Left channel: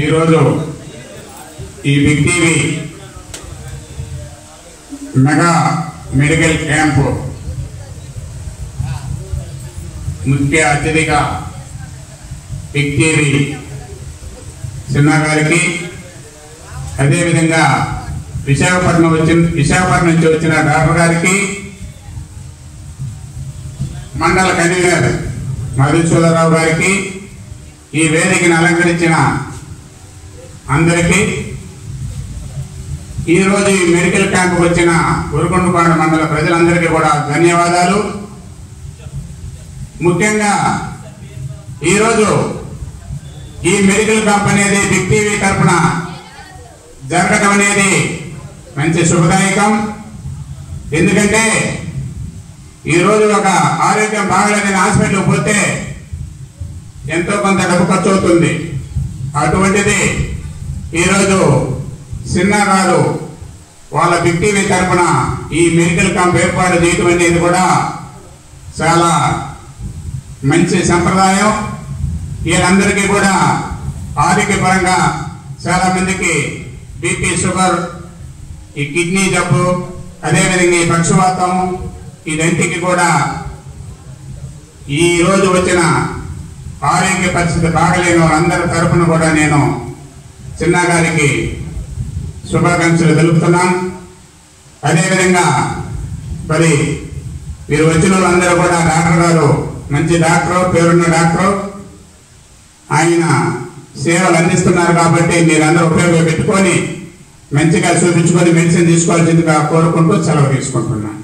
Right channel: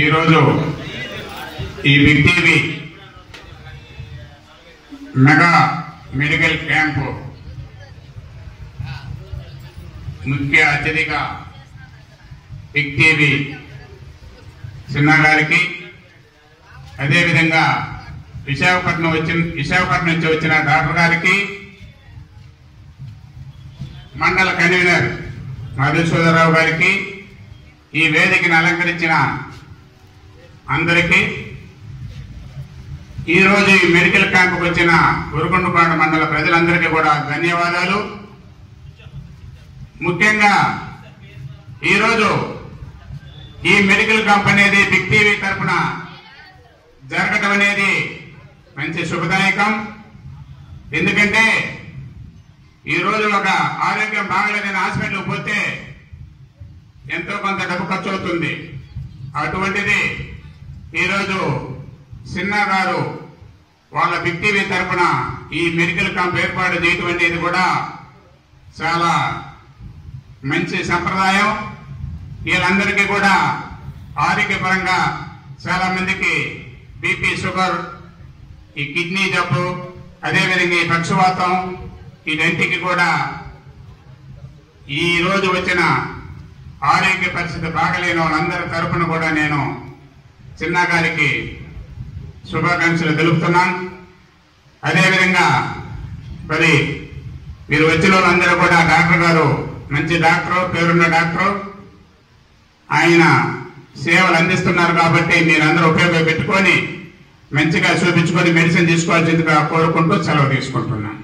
ఈరోజు ఈ big TV mega medical camp ముఖ్య అతిథిగా బిగ్ టీవీ చిన్న గారికి, అదేవిధంగా విశాఖపట్నం నుంచి వచ్చిన డాక్టర్ గారికి, మండల కన్వీనర్ మధుసూదరరావు గారికి, ఈ వేదికను అలంకరించిన అందరికీ, ఈరోజు ఈ మెడికల్ క్యాంపుకు వచ్చిన ఉరుకొండపాడు మండల ప్రజలందరికీ కూడా ధన్యవాదాలు. ముఖ్యంగా ఈరోజు ఈ మెడికల్ క్యాంప్ అనేది బిగ్ టీవీ తరఫున జరగడం అనేది మంచి శుభదాయకం. ఎందుకంటే ఈరోజు ఒక ఆరోగ్యం బాగలేదని హాస్పిటల్కి పోతే ఎంతో కొంత డబ్బు ఖర్చు అవుతుంది. అటువంటిది ఈరోజు చిన్న గారు వాళ్ళ బిగ్ టీవీ తరఫున ఈ మెడికల్ క్యాంప్ ఏర్పాటు చేయడం అనేది కూడా చాలా మంచి సంప్రదాయం. వీళ్ళందరికీ కూడా ఆరోగ్యపరంగా చాలా మందికి బీపీ, షుగర్, ఈ కిడ్నీ జబ్బు, అదేవిధంగా ఈ పక్షవాతం, ఇదంటికి కూడా ఈ రోజు వచ్చిన ఆరోగ్య పరిస్థితి బాగలేని వాళ్ళందరి తరఫున కూడా నేను చిన్న గారికి శుభాకాంక్షలు తెలుపుతున్నాను. అదేవిధంగా మరి మీరు వచ్చిన వాళ్ళందరూ కూడా డాక్టర్ గారు మంచి డాక్టర్, పేరున్న డాక్టర్, ఆయన సేవలు అందిస్తున్నారు కాబట్టి మీరందరూ ఉపయోగపెట్టుకొని మంచిగా చూపించుకొని మెడిసిన్ తీసుకోవాల్సిందిగా కోరుకుంటూ సెలవు తీసుకుంటున్నాను.